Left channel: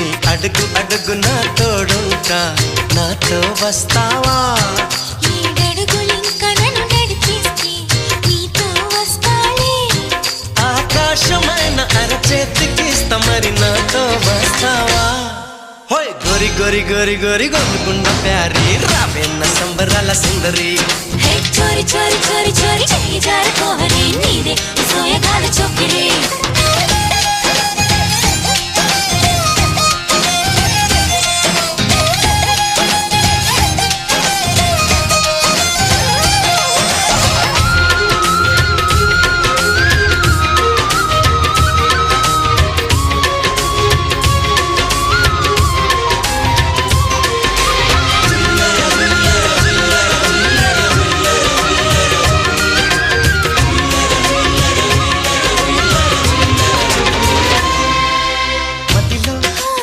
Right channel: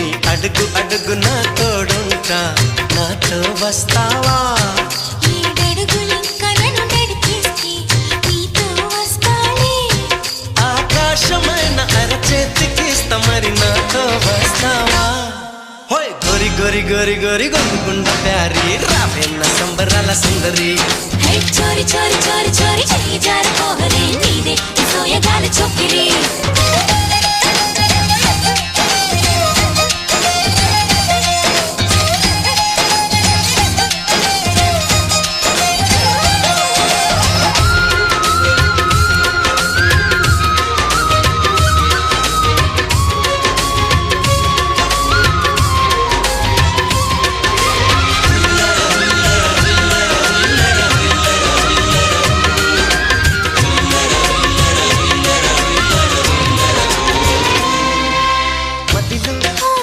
నీ అడుగు అడుగు నా తోడుంటా, నాతో వస్తావా? ఏడడుగులింక నన్ను నడిపిస్తే నీతో వస్తాలే. ఆకాశమైన అరచేతికిస్తా, మరి నాతో వస్తావా? హోయ్ గోరి గోరి గోరి గోరి గోరుగుండ ప్యారి, రావేన్న సంబరాల సుందరి. చోరి చోరి చోరి చోరి చెయ్యి జారిపోవలే నీదే సోయగాలి చొక్కిరి.